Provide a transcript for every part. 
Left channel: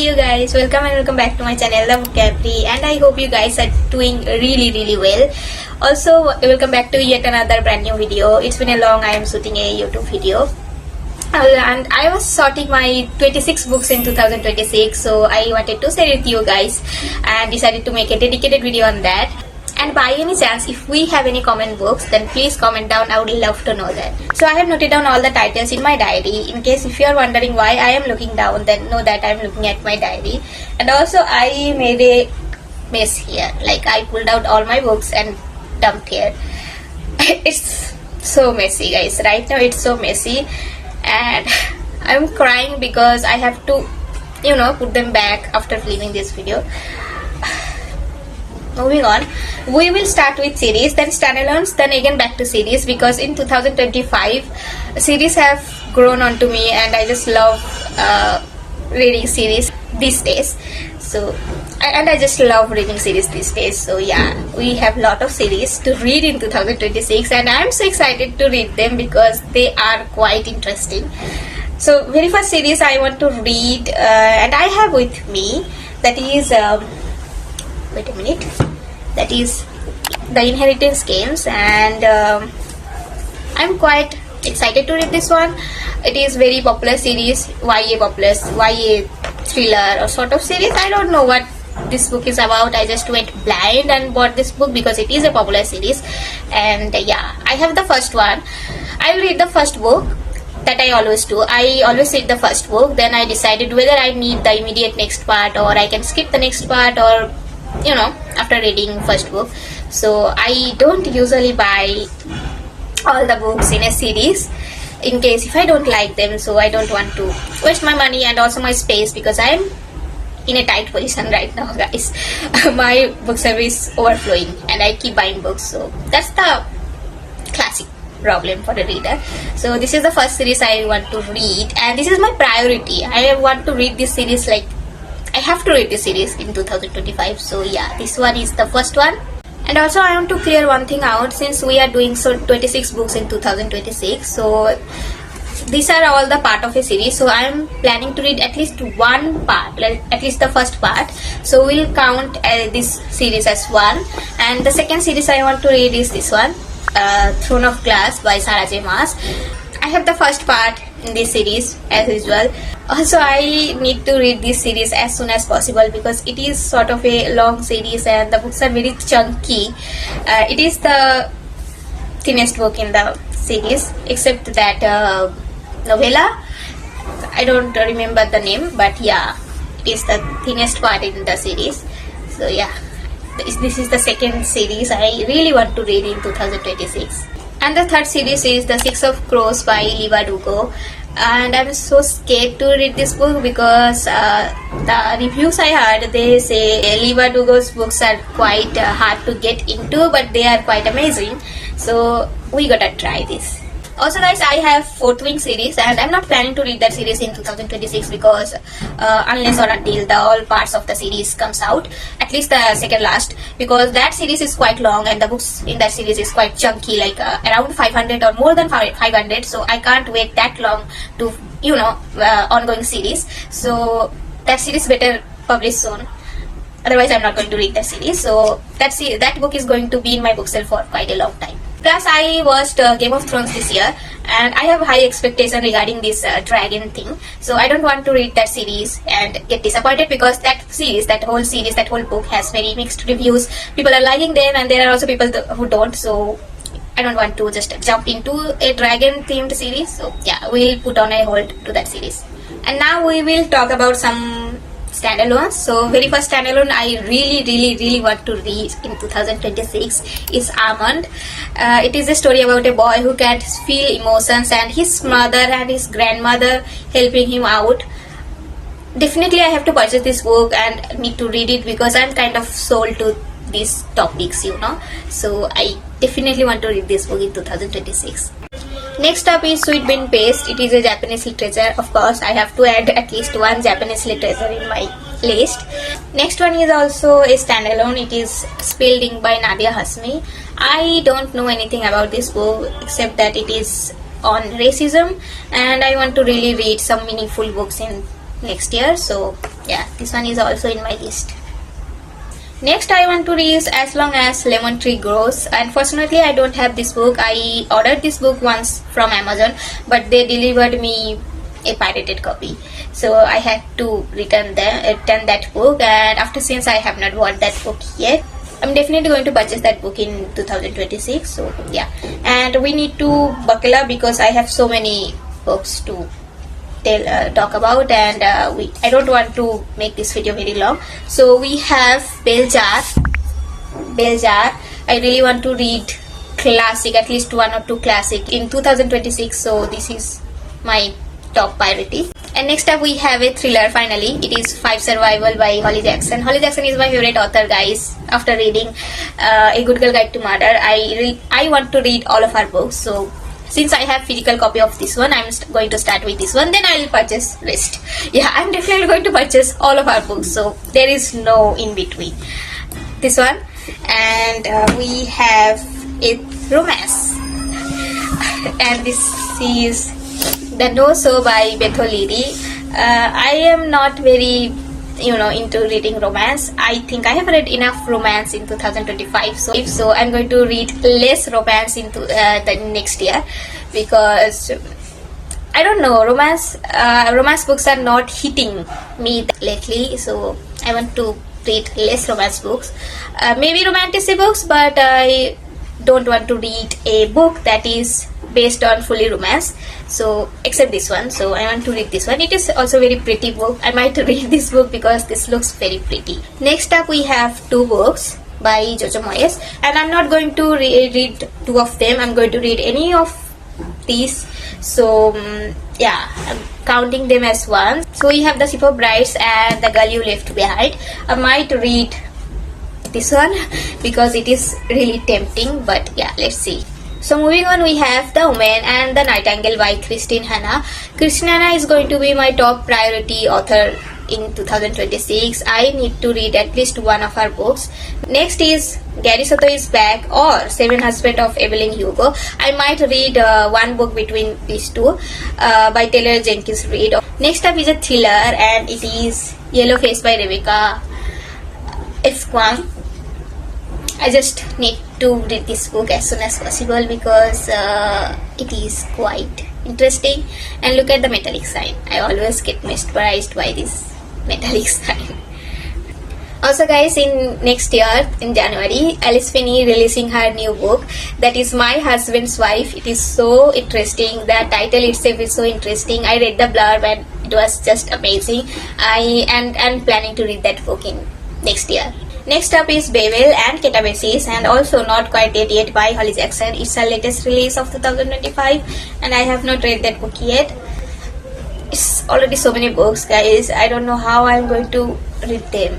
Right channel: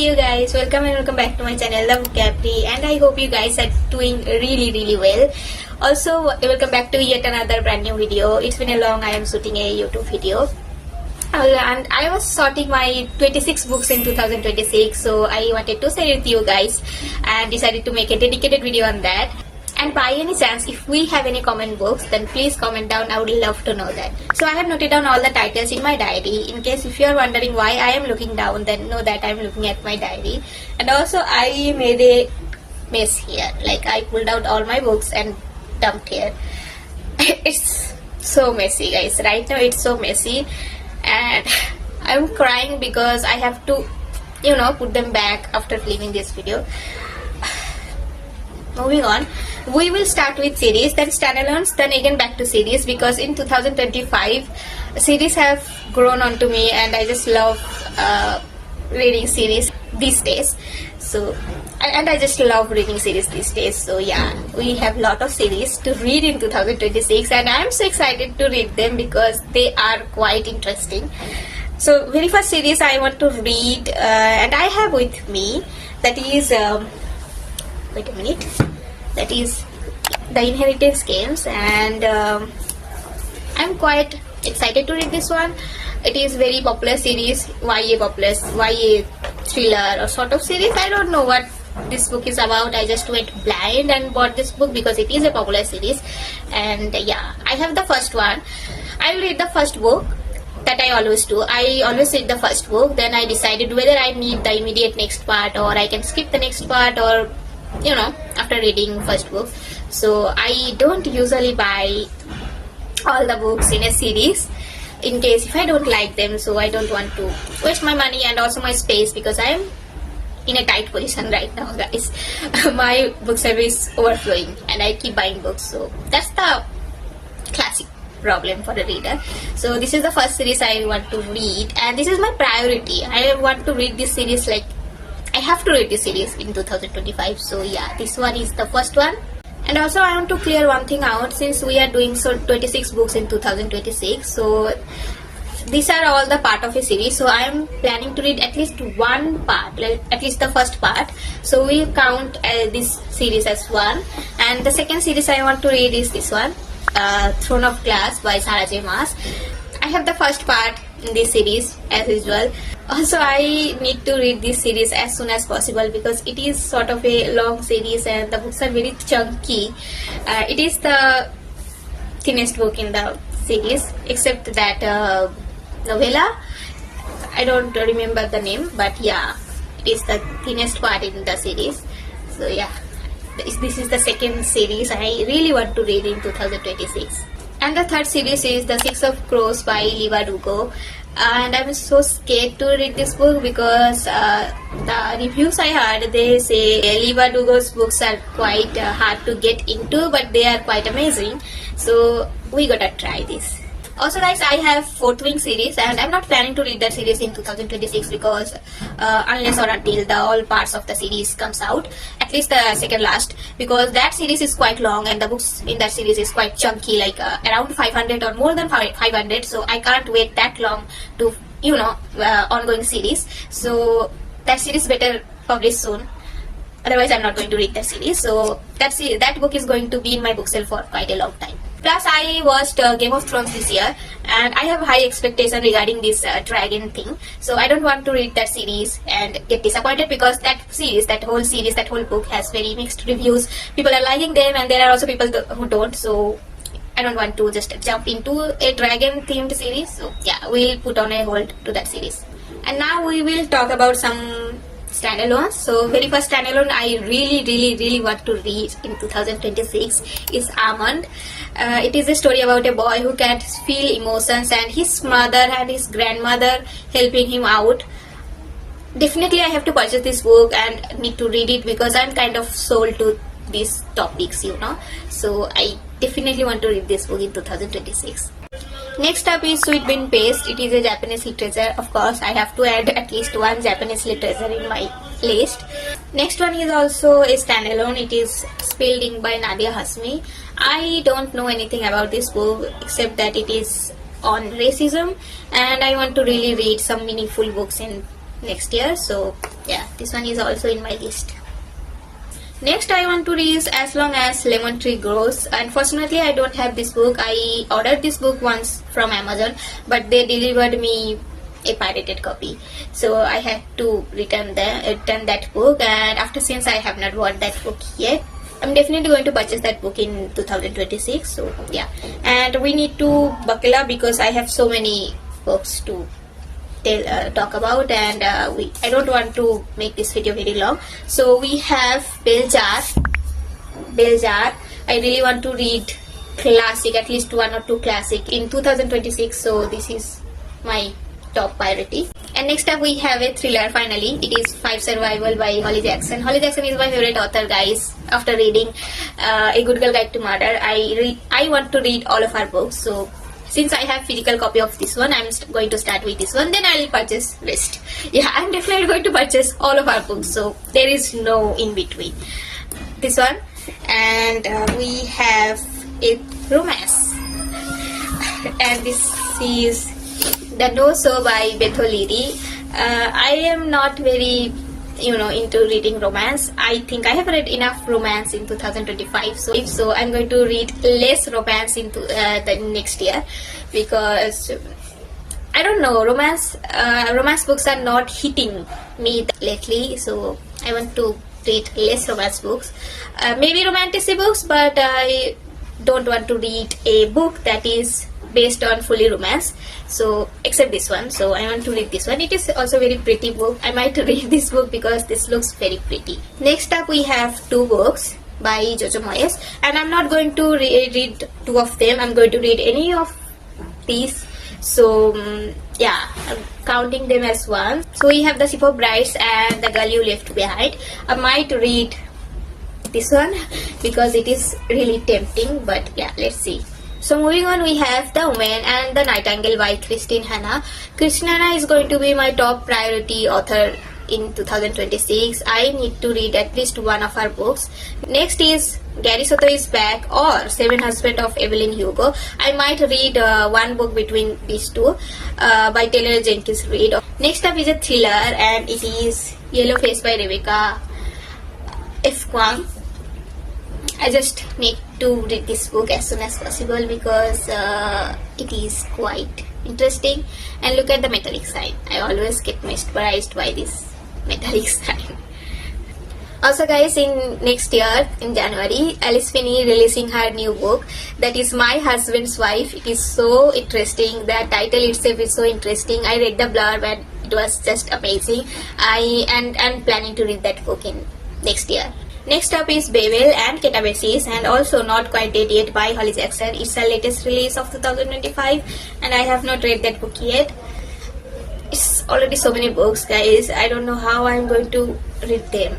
you guys, welcome back to my channel The Vocabulary, and I hope you guys are doing really well. Also, welcome back to yet another brand new video. It's been a long I am shooting a YouTube video. And I was sorting my 26 books in 2026, so I wanted to share it with you guys and decided to make a dedicated video on that. And by any chance, if we have any comment books, then please comment down. I would love to know that. So I have noted down all the titles in my diary. In case if you are wondering why I am looking down, then know that I am looking at my diary. And also I made a mess here. Like I pulled out all my books and dumped here. It's so messy, guys. Right now it's so messy. And I'm crying because I have to, put them back after filming this video. Moving on, we will start with series, then standalones, then again back to series, because in 2025 series have grown onto me and I just love reading series these days. So and I just love reading series these days. So yeah, we have a lot of series to read in 2026 and I am so excited to read them because they are quite interesting. So very first series I want to read and I have with me, that is wait a minute, that is The Inheritance Games, and I'm quite excited to read this one. It is very popular series, YA thriller or sort of series. I don't know what this book is about. I just went blind and bought this book because it is a popular series. And yeah, I have the first one. I will read the first book. That I always do. I always read the first book, then I decided whether I need the immediate next part or I can skip the next part, or after reading first book. So I don't usually buy all the books in a series in case if I don't like them, so I don't want to waste my money and also my space, because I'm in a tight position right now, guys. My bookshelf is overflowing and I keep buying books, so that's the classic problem for the reader. So this is the first series I want to read and this is my priority. I want to read this series, like I have to read this series in 2025. So yeah, this one is the first one. And also I want to clear one thing out, since we are doing 26 books in 2026, so these are all the part of a series. So I am planning to read at least one part, like at least the first part. So we'll count this series as one. And the second series I want to read is this one, Throne of Glass by Sarah J. Maas. I have the first part in this series as usual. Also I need to read this series as soon as possible because it is sort of a long series and the books are very chunky. It is the thinnest book in the series, except that novella. I don't remember the name, but yeah, it is the thinnest part in the series. So yeah, this is the second series I really want to read in 2026. And the third series is The Six of Crows by Leigh Bardugo. And I'm so scared to read this book because the reviews I heard, they say Leigh Bardugo's books are quite hard to get into, but they are quite amazing. So we gotta try this. Also guys, I have Fourth Wing series and I'm not planning to read that series in 2026 because unless or until the all parts of the series comes out, at least the second last, because that series is quite long and the books in that series is quite chunky, like around 500 or more than 500, so I can't wait that long to ongoing series. So that series better publish soon, otherwise I'm not going to read that series. So that book is going to be in my bookshelf for quite a long time. Plus, I watched Game of Thrones this year and I have high expectation regarding this dragon thing. So I don't want to read that series and get disappointed, because that whole book has very mixed reviews. People are liking them and there are also people who don't. So I don't want to just jump into a dragon themed series. So yeah, we'll put on a hold to that series. And now we will talk about some standalones. So very first standalone I really want to read in 2026 is Almond. It is a story about a boy who can feel emotions and his mother and his grandmother helping him out. Definitely I have to purchase this book and need to read it because I'm kind of sold to these topics, so I definitely want to read this book in 2026. Next up is Sweet Bean Paste. It is a Japanese literature. Of course, I have to add at least one Japanese literature in my list. Next one is also a standalone. It is Spilled Ink by Nadia Hasmi. I don't know anything about this book except that it is on racism and I want to really read some meaningful books in next year. So yeah, this one is also in my list. Next I want to read As Long as Lemon Tree Grows. Unfortunately I don't have this book. I ordered this book once from Amazon, but they delivered me a pirated copy, so I had to return that book, and after since I have not bought that book yet. I'm definitely going to purchase that book in 2026. So yeah, and we need to buckle up because I have so many books to talk about, and I don't want to make this video very long. So we have Bell Jar. I really want to read classic, at least one or two classic in 2026. So this is my top priority. And next up we have a thriller. Finally, it is Five Survival by Holly Jackson. Holly Jackson is my favorite author, guys. After reading A Good Girl Guide to Murder, I want to read all of her books. So since I have physical copy of this one, I'm going to start with this one, then I will purchase rest. Yeah, I'm definitely going to purchase all of our books, so there is no in between. This one, and we have a romance, and this is The No So by Beth O'Leary. I am not very into reading romance. I think I have read enough romance in 2025, so I'm going to read less romance into the next year, because I don't know, romance books are not hitting me lately, so I want to read less romance books, maybe romantic books, but I don't want to read a book that is based on fully romance, so except this one. So I want to read this one. It is also a very pretty book. I might read this book because this looks very pretty. Next up we have two books by Jojo Moyes, and I'm not going to read two of them. I'm going to read any of these, so yeah, I'm counting them as one. So we have The Ship of Brides and The Girl You Left Behind. I might read this one because it is really tempting, but yeah, let's see. So moving on, we have The Woman and the Nightingale by Christine Hanna. Christine Hanna is going to be my top priority author in 2026. I need to read at least one of her books. Next is Gary Soto is Back or Seven Husbands of Evelyn Hugo. I might read one book between these two by Taylor Jenkins Reid. Next up is a thriller, and it is Yellow Face by Rebecca F. Kuang. I just need to read this book as soon as possible because it is quite interesting. And look at the metallic sign. I always get mesmerized by this metallic sign. Also guys, in next year, in January, Alice Finney releasing her new book, that is My Husband's Wife. It is so interesting. The title itself is so interesting. I read the blurb and it was just amazing. I am planning to read that book in next year. Next up is Babel and Ketabasis, and also Not Quite Dead Yet by Holly Jackson. It's her latest release of 2025, and I have not read that book yet. It's already so many books, guys. I don't know how I'm going to read them,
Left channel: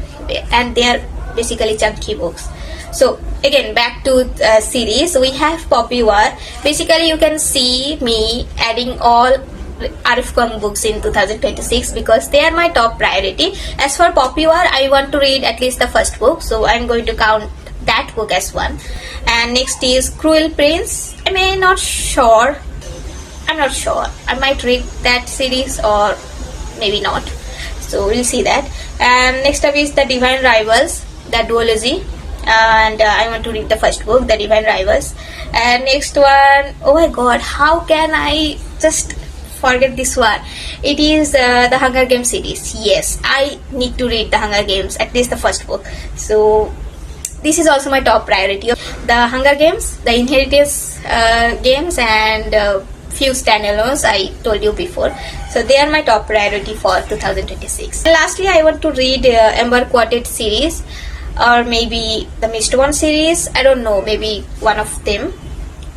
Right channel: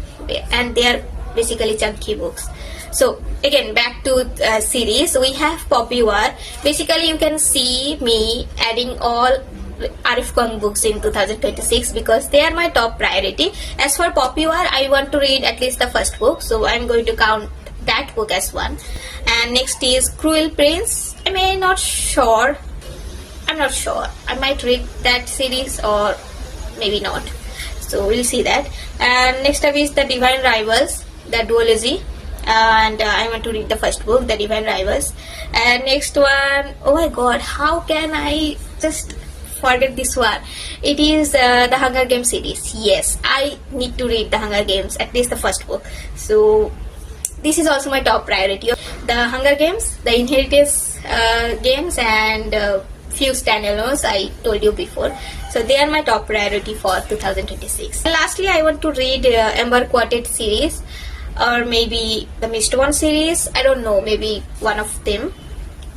and they are basically chunky books. So again, back to series. We have Poppy War. Basically, you can see me adding all Arif Kuang books in 2026 because they are my top priority. As for Poppy War, I want to read at least the first book, so I'm going to count that book as one. And next is Cruel Prince. I'm not sure. I might read that series or maybe not. So we'll see that. And next up is The Divine Rivals, the duology. And I want to read the first book, The Divine Rivals. And next one, oh my god, how can I just forget this one? It is the Hunger Games series. Yes, I need to read the Hunger Games, at least the first book. So this is also my top priority. The Hunger Games, the Inheritance games, and few standalones I told you before. So they are my top priority for 2026. And lastly, I want to read Amber Quartet series, or maybe the Mist One series. I don't know, maybe one of them.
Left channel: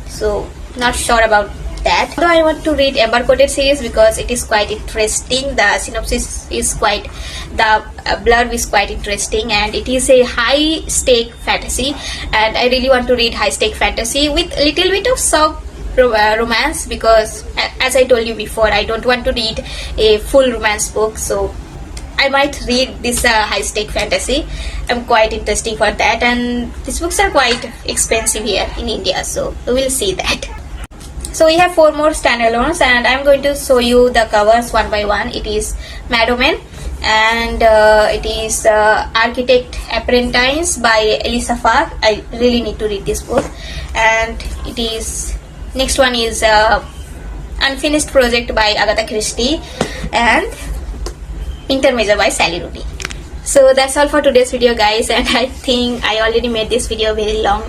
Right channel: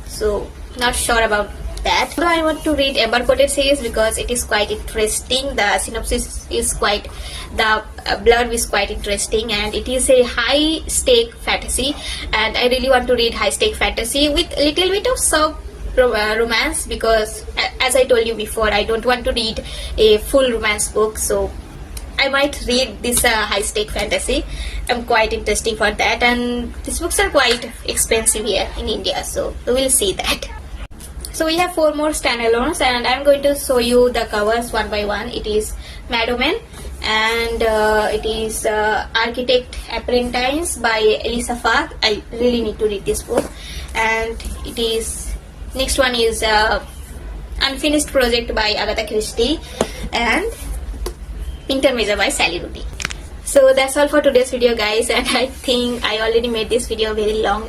So not sure about that. Although I want to read Amber Quartet series because it is quite interesting. The synopsis is quite, the blurb is quite interesting, and it is a high stake fantasy, and I really want to read high stake fantasy with a little bit of soft romance, because as I told you before, I don't want to read a full romance book, so I might read this high stake fantasy. I'm quite interested for that, and these books are quite expensive here in India, so we'll see that. So we have 4 more standalones, and I'm going to show you the covers one by one. It is Mad Woman, and it is Architect Apprentice by Elisa Fark. I really need to read this book. And it is, next one is Unfinished Project by Agatha Christie, and Intermezzo by Sally Rooney. So that's all for today's video, guys, and I think I already made this video very long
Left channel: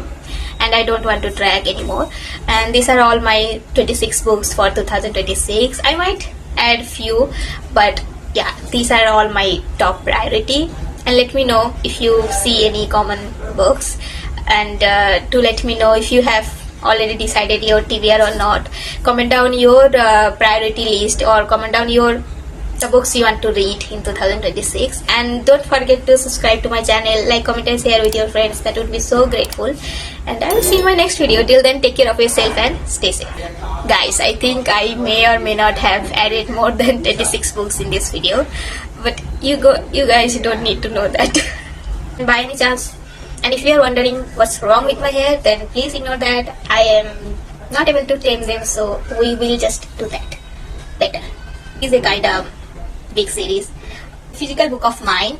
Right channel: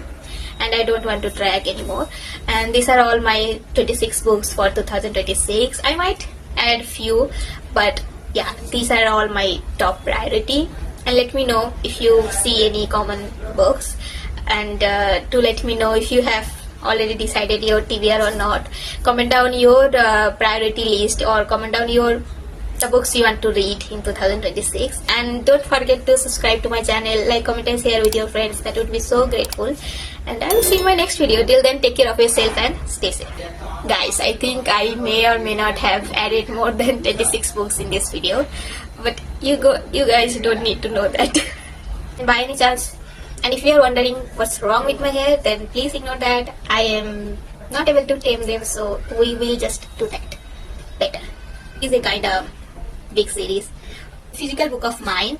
and I don't want to drag anymore. And these are all my 26 books for 2026. I might add few, but yeah, these are all my top priority. And let me know if you see any common books, and to let me know if you have already decided your TBR or not. Comment down your priority list, or comment down the books you want to read in 2026. And don't forget to subscribe to my channel, like, comment and share with your friends. That would be so grateful. And I will see you in my next video. Till then, take care of yourself and stay safe. Guys, I think I may or may not have added more than 26 books in this video, but you guys don't need to know that. By any chance. And if you are wondering what's wrong with my hair, then please ignore that. I am not able to tame them, so we will just do that later. It's a kind of big series. Physical book of mine